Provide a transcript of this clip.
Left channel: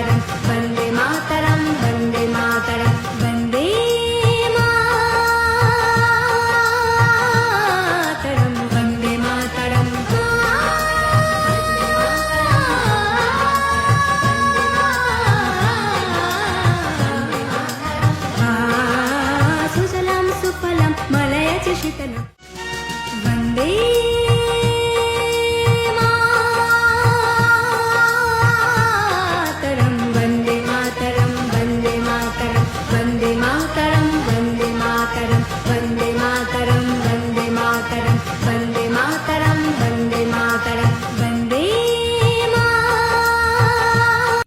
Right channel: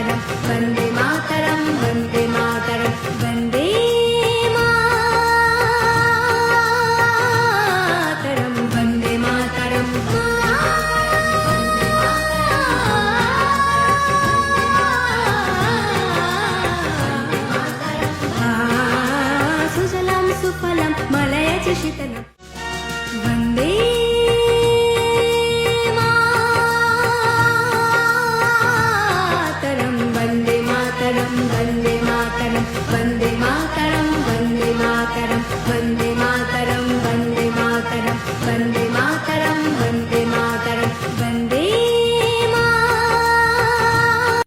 मातरम वन्दे मातरम वन्दे मातरम वन्दे मातरम वन्दे मातरम सुजलां सुफलां मलयज शीतलं वन्दे मातरं वन्दे मातरं वन्दे मातरं वन्दे मातरं वन्दे मातरं वन्दे मातरं वन्दे मातरं वन्दे मातरं वन्दे मातरं